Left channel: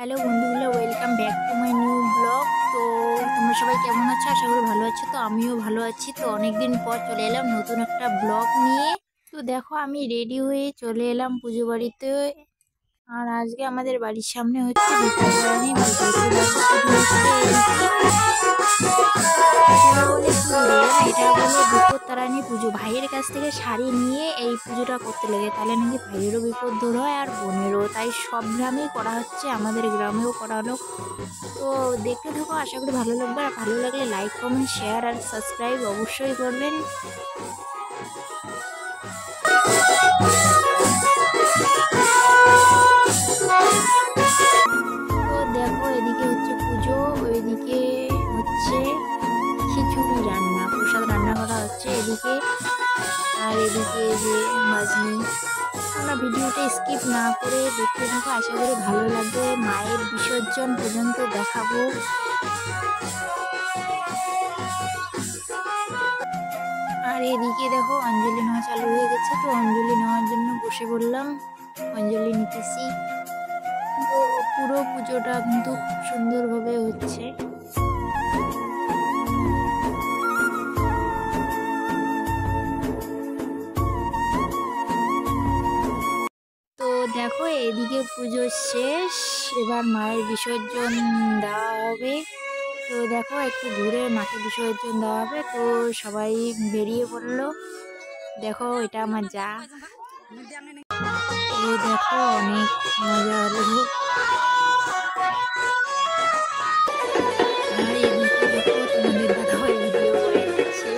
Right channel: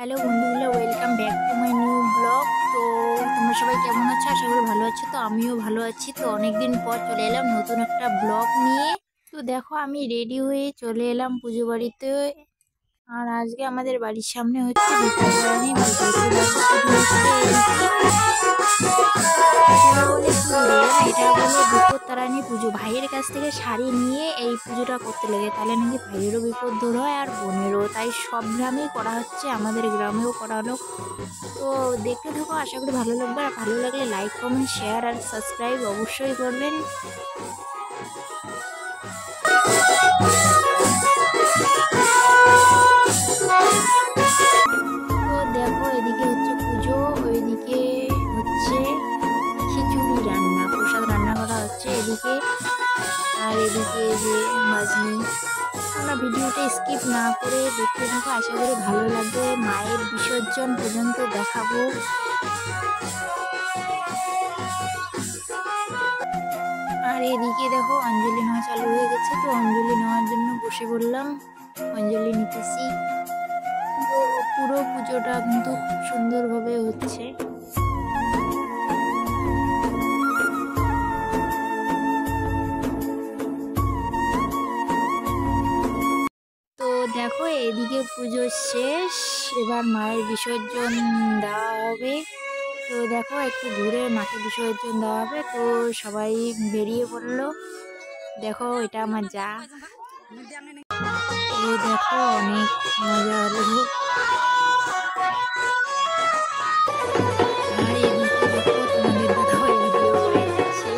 Hello বন্ধুগুলো, welcome back to my new blog. তো তোমরা সবাই কেমন আছো? আশা করি ভালো আছো। তো আমিও ভালো আছি। তো অনেকদিন পর চলে এলাম নতুন একটা ব্লগ নিয়ে। তো দেখো, আমি রেডি হয়ে চলে এলাম পুজো বাড়িতে। আর আজকে আমাদের বাড়ির সামনে হচ্ছে বিপত্তারিণী পুজো। তো দেখো, পুজো হচ্ছে এটা বলে কি রে না, এটা বলে বিপত্তারিণী পুজো। ভাইয়ের কাছ থেকে শাড়ি নিয়ে এই পুজোটা করতে লাগে, তাহলে নাকি ভাইয়েরও বিপদ দূর হয় আর বোনেরও। তাই সব গ্রামেই করা হচ্ছে, আমাদের গ্রামেও করা হলো। তো দেখতে থাকো, আশা করি ভালো লাগবে। আর ভালো লাগলে লাইক, কমেন্ট, শেয়ার আর সাবস্ক্রাইব অবশ্যই করবেন। তো দেখো, এদিকে হচ্ছে পুজো, ওইদিকে হচ্ছে খিচুড়ি রান্না, প্রসাদ রান্না করা হচ্ছে এদিকে। আর এদিকে যে বাজনি, তোমরা ভিডিওটা স্কিপ না করে দেখতে থাকো, আশা করি ভালো লাগবে। মায়ের বিসর্জন পর্যন্ত দেখাবো। আর এদিকে দেখো, অঞ্জলি নেওয়া চালু হয়ে গেছে। তো অঞ্জলি নেওয়ার জন্য বসে পড়লাম, অঞ্জলি নিতেছি। তো পুরো পুজোটা কিন্তু খুব সুন্দরভাবে হচ্ছে। তো দেখো, এদিকে পুজো শেষ, এবার মায়ের বিসর্জন দেওয়া হবে। তো দেখো, একটু ঘুরে মাকে বিসর্জন দেওয়া হবে। তো সবাই বেরিয়ে পড়লো। দেখো, এটা আমার যা। তো দেখো, অনেক মজা হলো। আর এদিকে দেখো, তোমাদের দাদাভাই ভিডিও করে যাচ্ছে।